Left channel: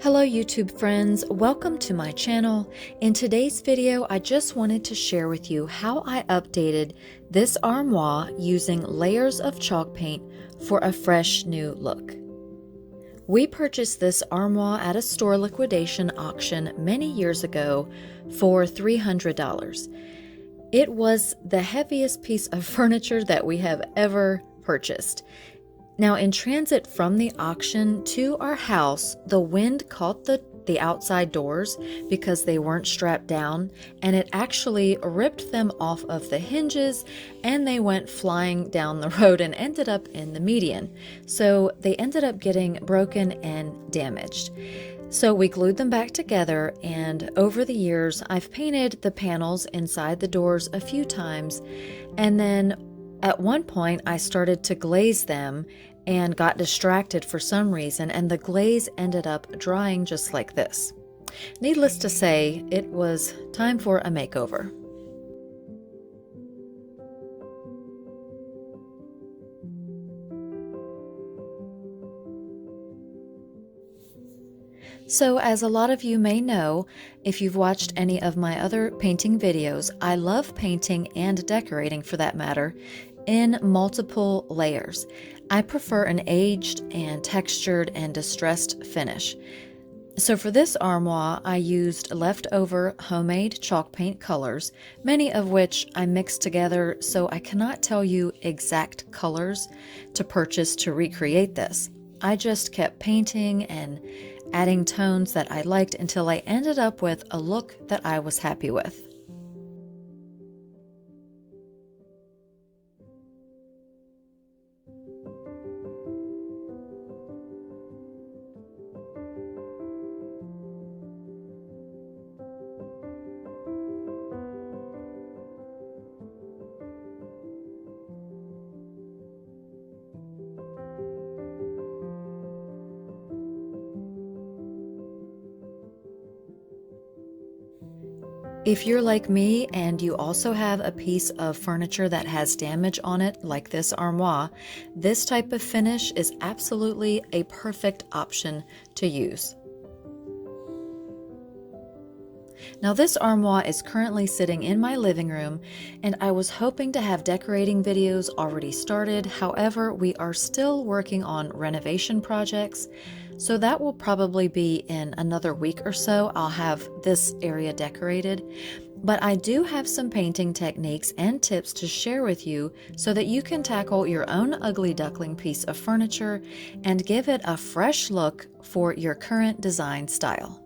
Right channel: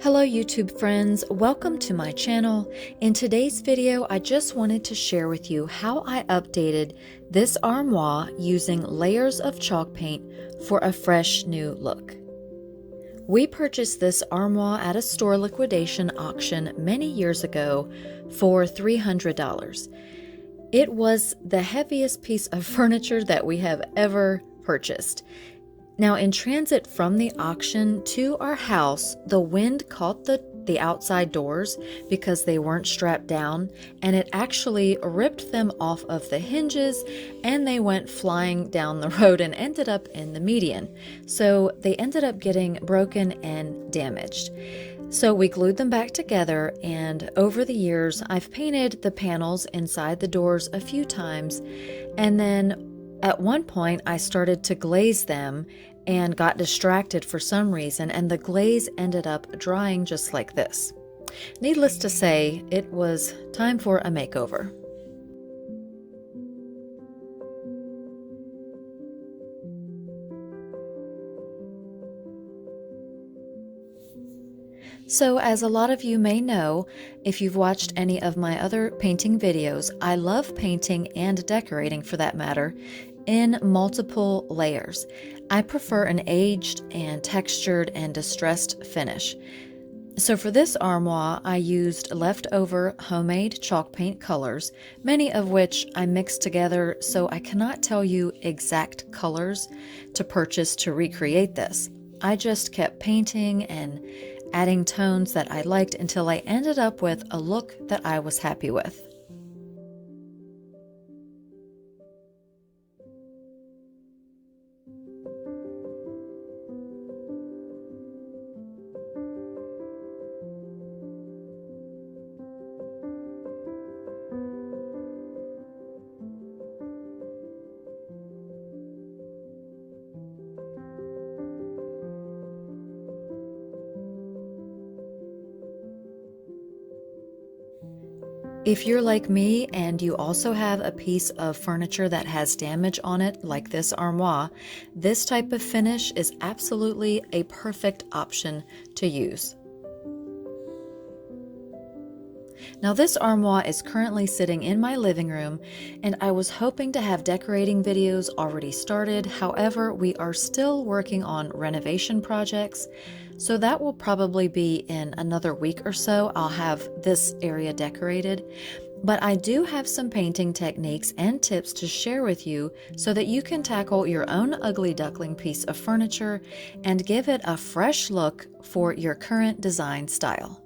Hello YouTube friends, welcome to my channel. In today's video, I just wanted to share with you how I updated this armoire using layers of chalk paint for a fresh new look. We purchased this armoire at a store liquidation auction many years ago for $300. It was the heaviest piece of furniture that we have ever purchased. Now, in transit from the auction to our house, the wind caught the outside doors because they weren't strapped down, and it actually ripped them off of the hinges, and they went flying down the road and ended up in the median. So they ended up getting broken and damaged. So we glued them back together, and over the years, I've painted the panels inside the doors a few times, and then at one point, I started to glaze them and got distracted for some reason, and the glaze ended up drying just like this. Needless to say, it was time for a makeover. So, as a lot of you may know, if you've watched any of my other painting videos, I love painting and decorating for that matter in multiple layers. I prefer an aged and textured and distressed finish. So for this armoire, I used leftover homemade chalk paint colors, many of which I mixed together, so I cannot tell you exact colors to purchase to recreate this. I just kept painting and adding tones that I liked until I ended up with a look that I was happy with. If you're like me and you also have a piece of furniture that has damage on it, like this armoire, this type of finish is absolutely a perfect option to use. Now, this armoire is currently sitting in my living room, and I was hoping to have decorating videos already started. However, we are still working on renovation projects, so that will probably be in another week or so. I'll have this area decorated. But I do have some painting techniques and tips to share with you so that you can tackle your own ugly duckling piece of furniture and give it a fresh look for your current design style.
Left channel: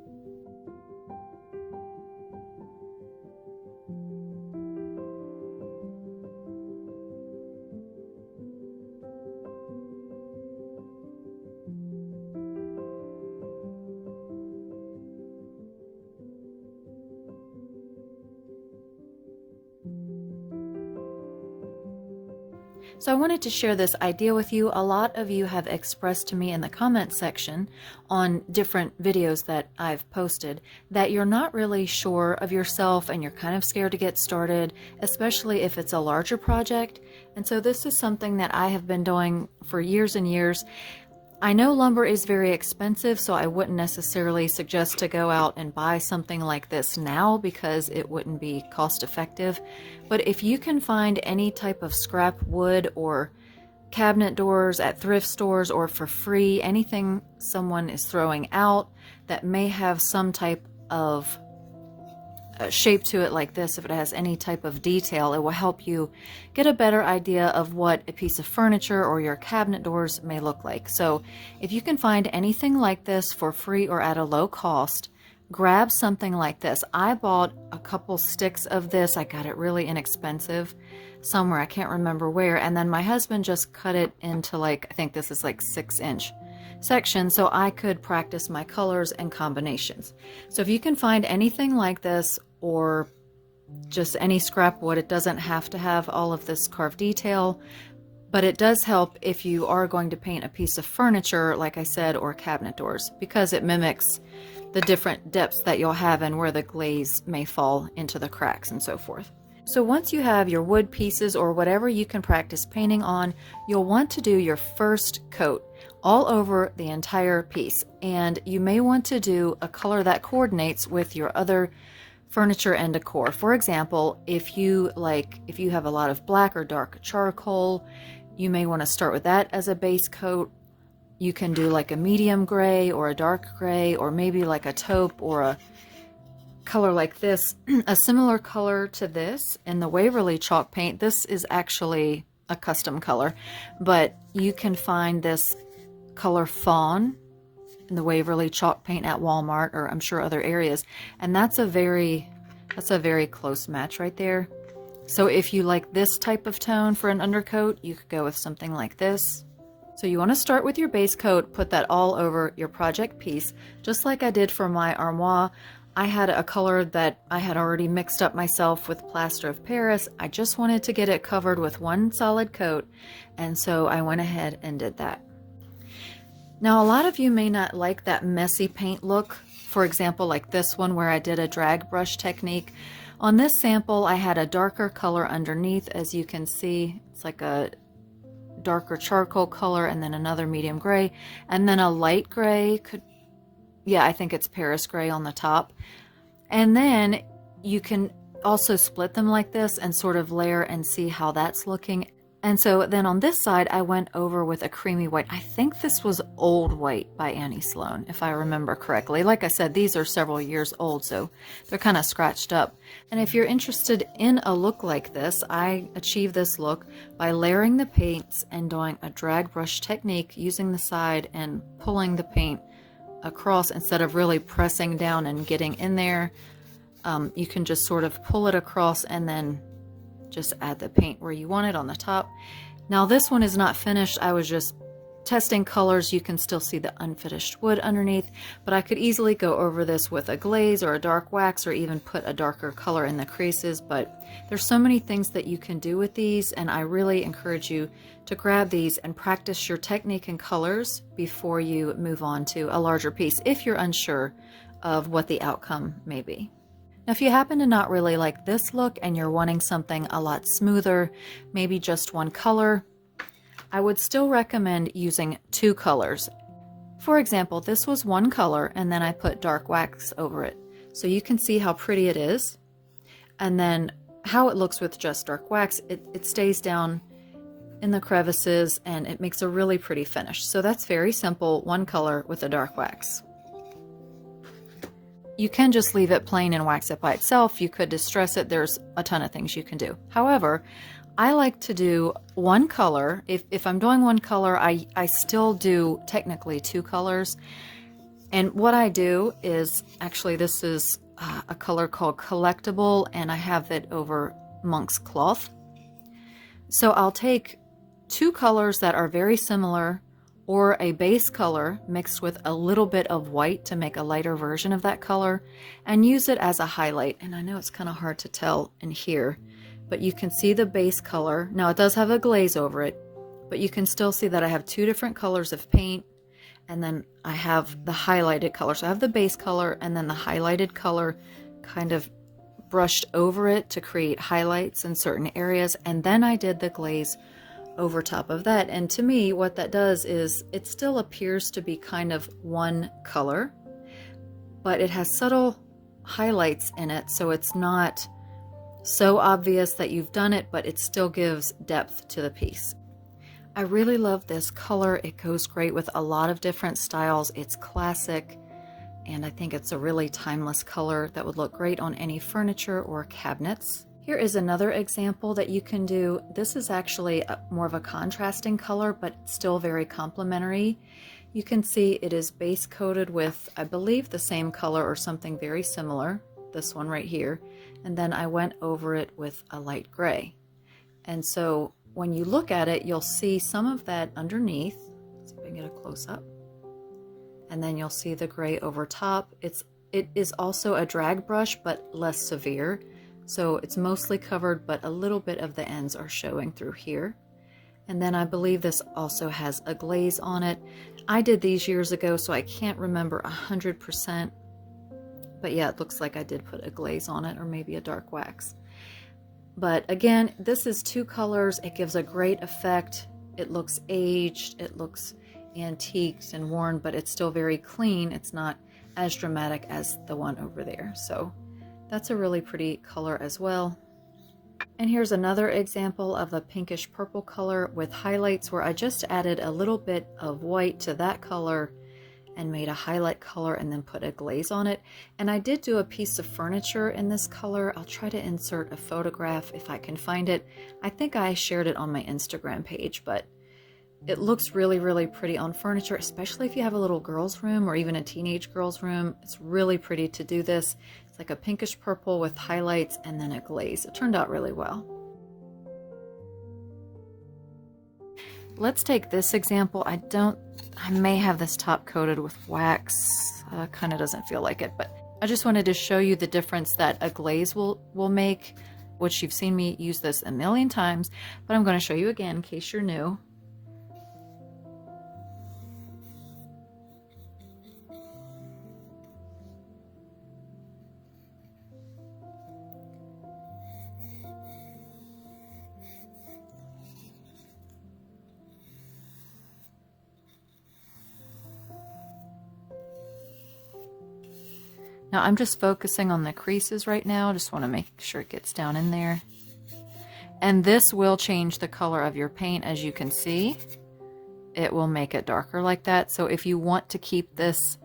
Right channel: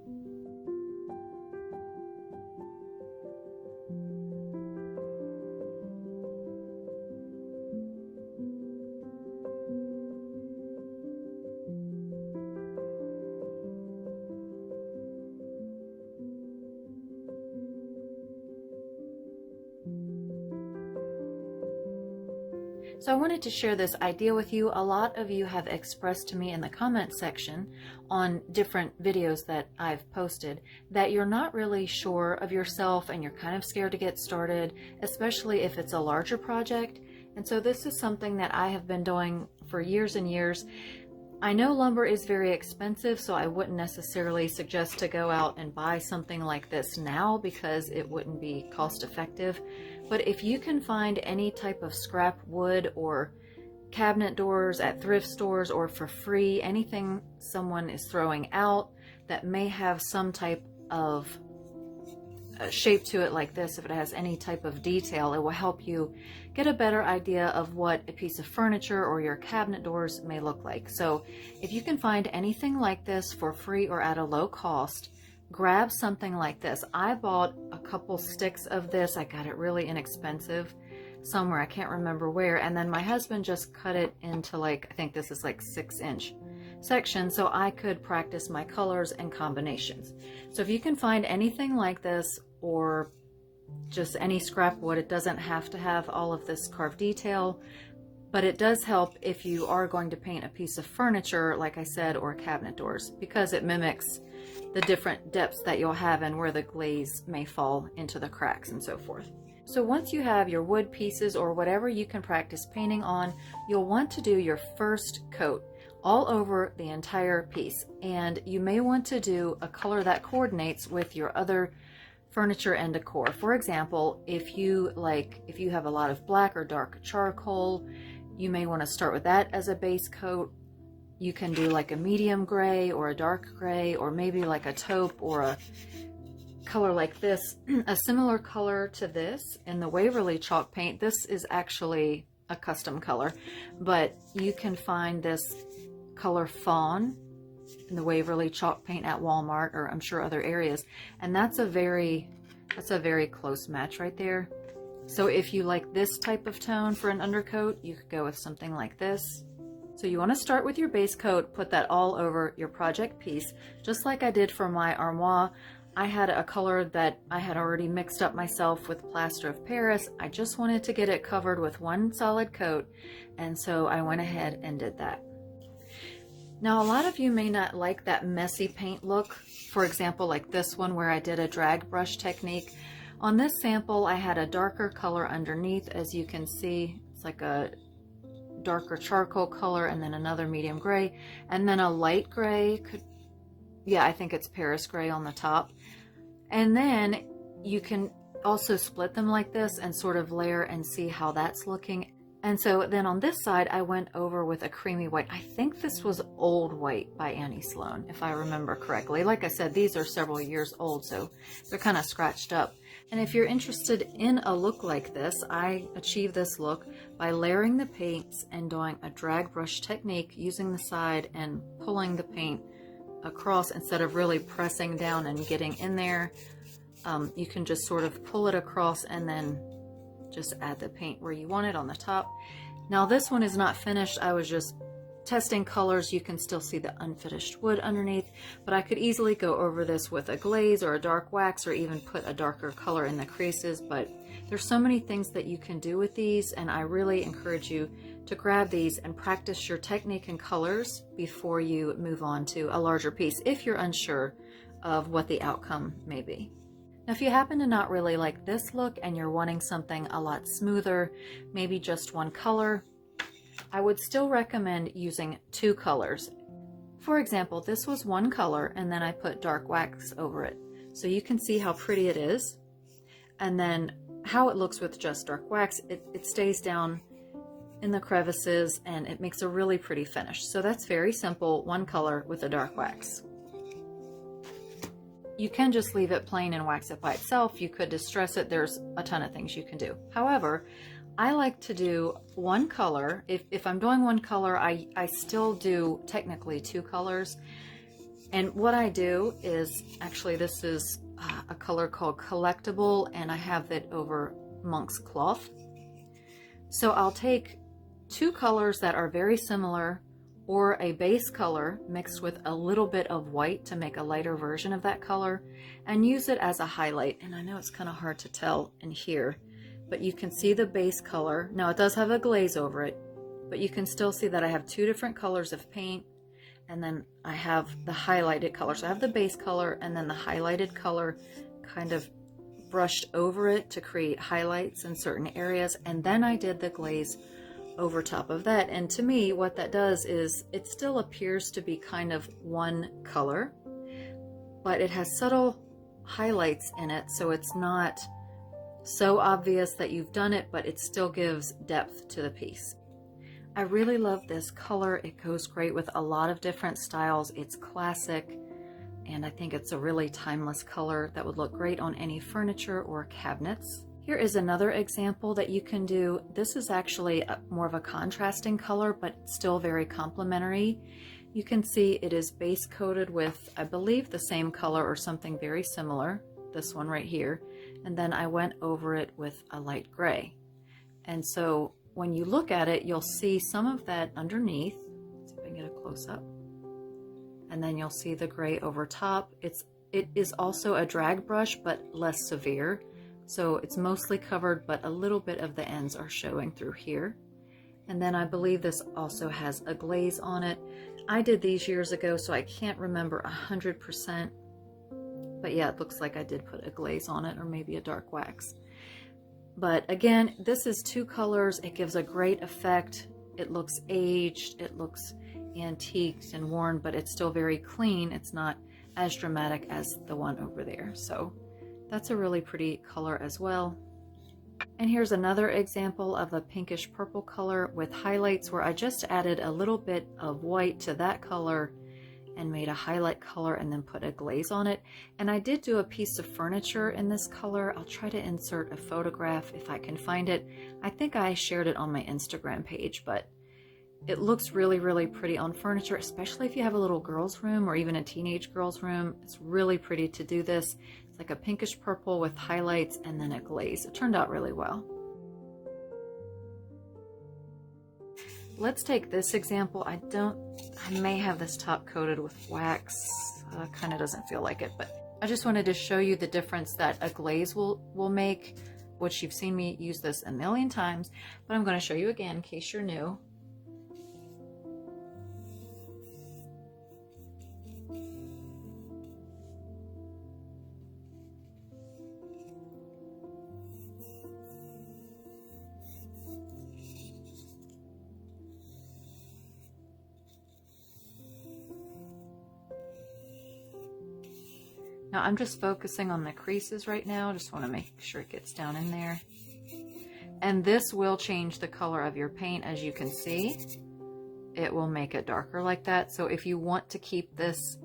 So I wanted to share this idea with you. A lot of you have expressed to me in the comment section on different videos that I've posted that you're not really sure of yourself and you're kind of scared to get started, especially if it's a larger project. And so this is something that I have been doing for years and years. I know lumber is very expensive, so I wouldn't necessarily suggest to go out and buy something like this now because it wouldn't be cost effective. But if you can find any type of scrap wood or cabinet doors at thrift stores or for free, anything someone is throwing out that may have some type of shape to it like this, if it has any type of detail, it will help you get a better idea of what a piece of furniture or your cabinet doors may look like. So if you can find anything like this for free or at a low cost, grab something like this. I bought a couple sticks of this. I got it really inexpensive somewhere, I can't remember where, and then my husband just cut it into, like, I think this is like 6-inch section so I could practice my colors and combinations. So if you can find anything like this or just any scrap wood, it doesn't have to have all of this carved detail, but it does help if you are going to paint a piece of furniture, like I said, or cabinet doors, because it mimics the different depths that you'll have and where the glaze may fall into the cracks and so forth. So once you have your wood pieces or whatever you can practice painting on, you'll want to do your first coat. all over the entire piece. And you may want to do a color that coordinates with your other furniture and decor. For example, if you have a lot of black or dark charcoal, you may want to start with that as a base coat. You can do like a medium gray or a dark gray, or maybe like a taupe or a color like this, a similar color to this in the Waverly chalk paint. This is actually a custom color, but you can find this color fawn in the Waverly chalk paint at Walmart, or I'm sure other areas, and that's a very close match right there. So if you like this type of tone for an undercoat, you could go with something like this. So you want to start with your base coat, put that all over your project piece, just like I did for my Armoire. I had a color that I had already mixed up myself with plaster of Paris. I just wanted to get it covered with one solid coat, and so I went ahead and did that. Now, a lot of you may not like that messy paint look. For example, like this one where I did a drag brush technique. On this sample, I had a darker color underneath. As you can see, it's like a darker charcoal color, and then another medium gray, and then a light gray. I think it's Paris gray on the top. And then you can also split them like this and sort of layer and see how that's looking. And so then on this side, I went over with a creamy white. I think this was Old White by Annie Sloan, if I remember correctly. Like I said, these are several years old, so they're kind of scratched up. And if you're interested in a look like this, I achieved this look by layering the paints and doing a drag brush technique, using the side and pulling the paint across instead of really pressing down and getting in there. You can just sort of pull it across and then just add the paint where you want it on the top. Now this one is not finished. I was just testing colors. You can still see the unfinished wood underneath, but I could easily go over this with a glaze or a dark wax, or even put a darker color in the creases. But there's so many things that you can do with these, and I really encourage you to grab these and practice your technique and colors before you move on to a larger piece, if you're unsure of what the outcome may be. Now, if you happen to not really like this look and you're wanting something a lot smoother, maybe just one color, I would still recommend using two colors. For example, this was one color and then I put dark wax over it. So you can see how pretty it is. And then how it looks with just dark wax, it stays down in the crevices and it makes a really pretty finish. So that's very simple, one color with a dark wax. You can just leave it plain and wax it by itself. You could distress it. There's a ton of things you can do. However, I like to do one color. If I'm doing one color, I still do technically two colors. And what I do is, actually this is a color called Collectible, and I have it over monk's cloth. So I'll take two colors that are very similar, or a base color mixed with a little bit of white to make a lighter version of that color, and use it as a highlight. And I know it's kind of hard to tell in here, but you can see the base color. Now it does have a glaze over it, but you can still see that I have two different colors of paint, and then I have the highlighted color. So I have the base color and then the highlighted color kind of brushed over it to create highlights in certain areas, and then I did the glaze over top of that. And to me, what that does is it still appears to be kind of one color, but it has subtle highlights in it, so it's not so obvious that you've done it, but it still gives depth to the piece. I really love this color. It goes great with a lot of different styles. It's classic, and I think it's a really timeless color that would look great on any furniture or cabinets. Here is another example that you can do. This is actually more of a contrasting color, but still very complementary. You can see it is base coated with, I believe, the same color or something very similar, this one right here, and then I went over it with a light gray. And so when you look at it, you'll see some of that underneath. Let's see if I can get a close up. And then you'll see the gray over top. It is also a drag brush, but less severe. So it's mostly covered, but a little bit of the ends are showing through here. And then I believe this also has a glaze on it. I did these years ago, so I can't remember 100%. But yeah, it looks like I did put a glaze on it, or maybe a dark wax. But again, this is two colors. It gives a great effect. It looks aged. It looks antiqued and worn, but it's still very clean. It's not as dramatic as the one over there. So that's a really pretty color as well. And here's another example of a pinkish purple color with highlights where I just added a little bit of white to that color and made a highlight color and then put a glaze on it. And I did do a piece of furniture in this color. I'll try to insert a photograph if I can find it. I think I shared it on my Instagram page, but it looks really, really pretty on furniture, especially if you have a little girl's room or even a teenage girl's room. It's really pretty to do this. It's like a pinkish purple with highlights and then a glaze. It turned out really well. Let's take this example. I may have this top coated with wax. Kind of doesn't feel like it, but I just wanted to show you the difference that a glaze will make, which you've seen me use this a million times, but I'm going to show you again in case you're new. Now I'm just focusing on the creases right now. I just want to make sure it gets down in there. And this will change the color of your paint, as you can see. It will make it darker like that. So if you want to keep this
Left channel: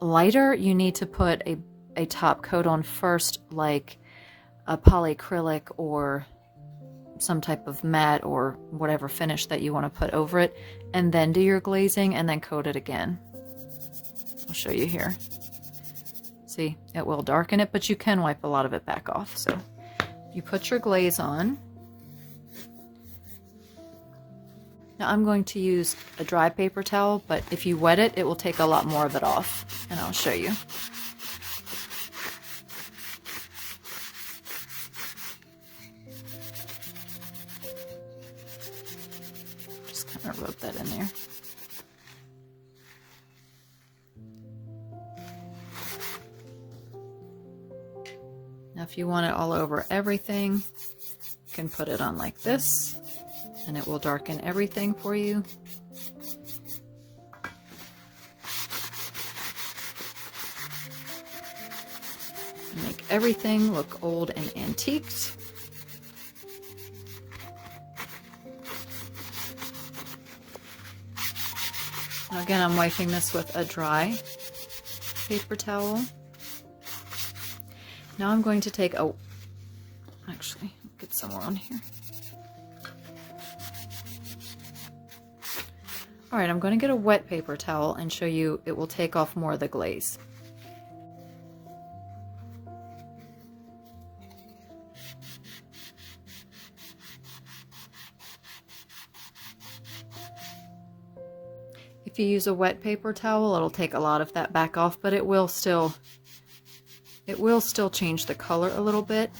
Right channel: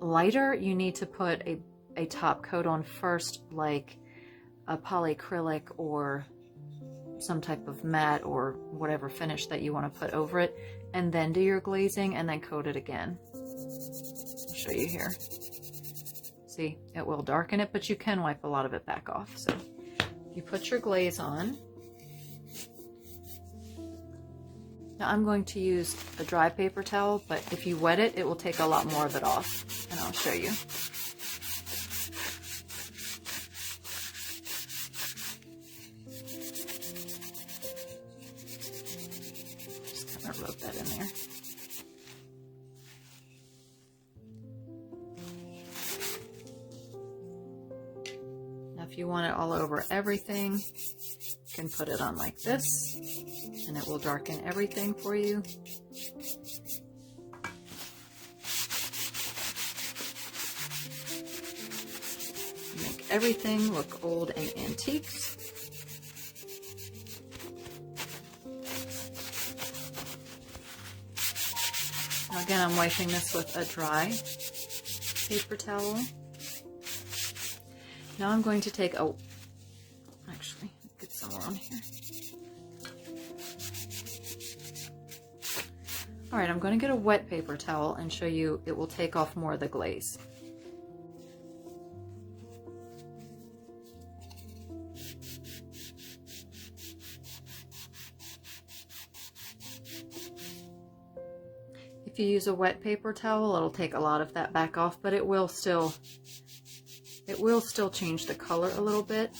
lighter, you need to put a top coat on first, like a polyacrylic or some type of matte or whatever finish that you want to put over it, and then do your glazing and then coat it again. I'll show you here. See, it will darken it, but you can wipe a lot of it back off. So you put your glaze on. Now I'm going to use a dry paper towel, but if you wet it, it will take a lot more of it off, and I'll show you. Just kind of rub that in there. Now if you want it all over everything, you can put it on like this, and it will darken everything for you. Make everything look old and antiqued. Now again, I'm wiping this with a dry paper towel. Now I'm going to take actually, get some more on here. All right, I'm going to get a wet paper towel and show you it will take off more of the glaze. If you use a wet paper towel, it'll take a lot of that back off, but it will still change the color a little bit.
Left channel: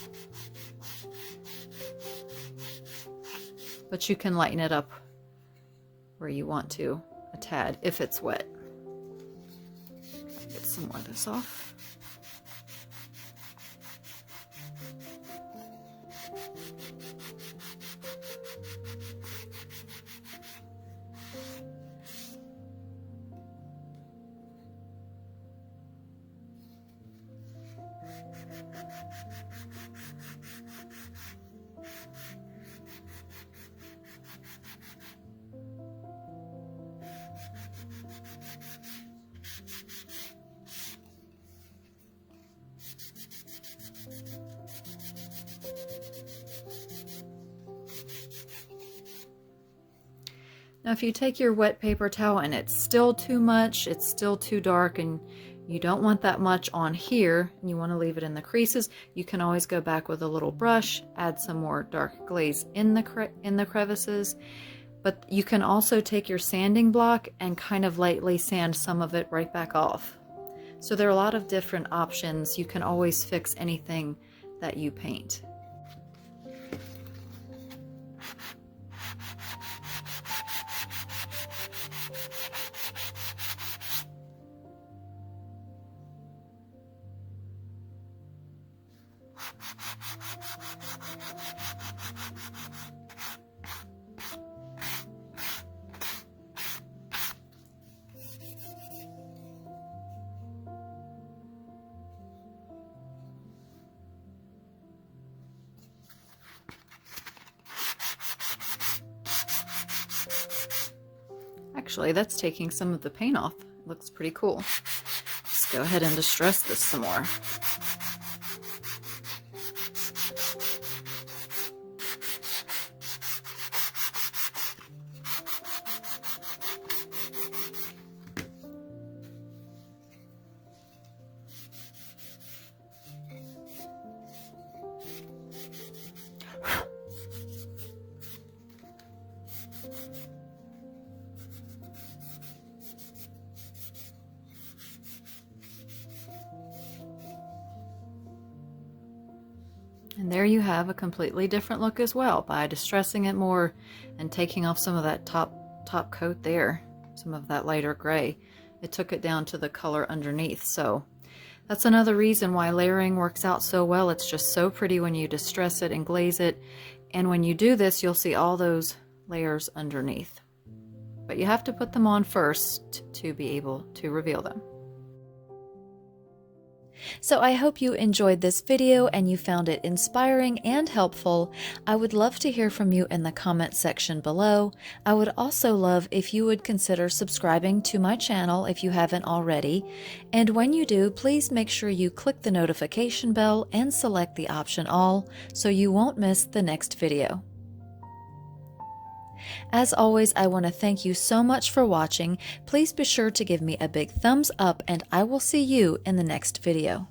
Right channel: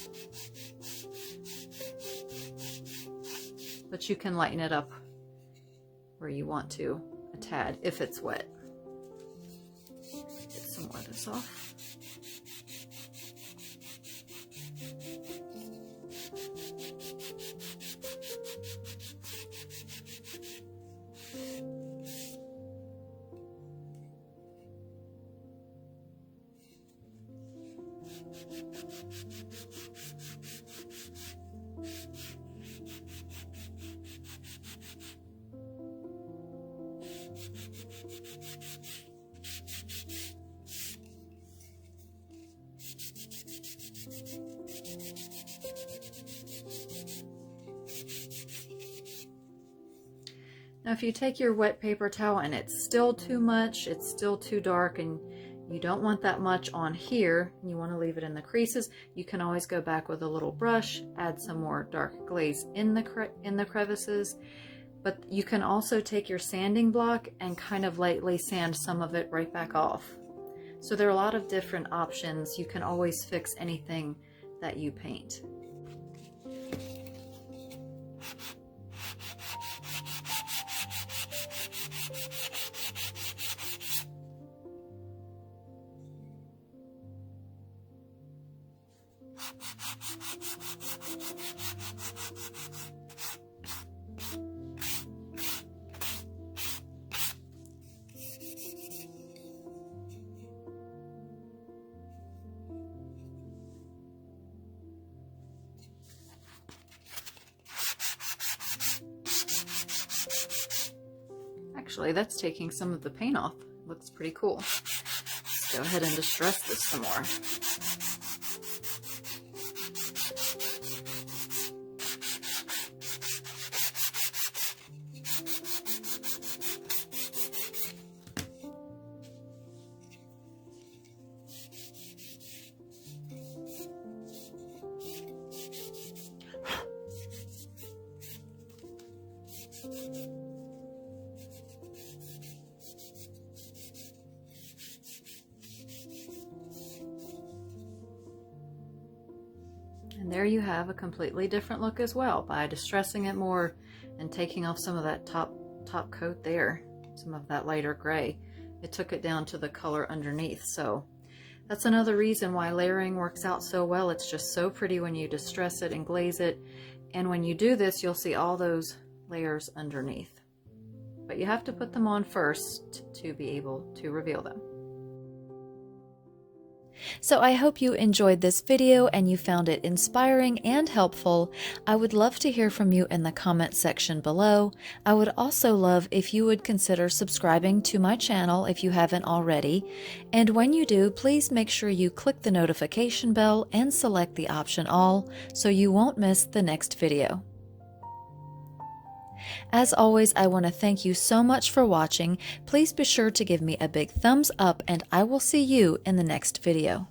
But you can lighten it up where you want to a tad if it's wet. Get some more of this off. Now if you take your wet paper towel and it's still too much, it's still too dark, and you don't want that much on here, and you want to leave it in the creases, you can always go back with a little brush, add some more dark glaze in the crevices. But you can also take your sanding block and kind of lightly sand some of it right back off. So there are a lot of different options. You can always fix anything that you paint. Actually, that's taking some of the paint off. Looks pretty cool. Let's go ahead and distress this some more. And there you have a completely different look as well by distressing it more and taking off some of that top coat there, some of that lighter gray. It took it down to the color underneath. So that's another reason why layering works out so well. It's just so pretty when you distress it and glaze it. And when you do this, you'll see all those layers underneath. But you have to put them on first to be able to reveal them. So I hope you enjoyed this video and you found it inspiring and helpful. I would love to hear from you in the comment section below. I would also love if you would consider subscribing to my channel if you haven't already. And when you do, please make sure you click the notification bell and select the option all so you won't miss the next video. As always, I want to thank you so much for watching. Please be sure to give me a big thumbs up and I will see you in the next video.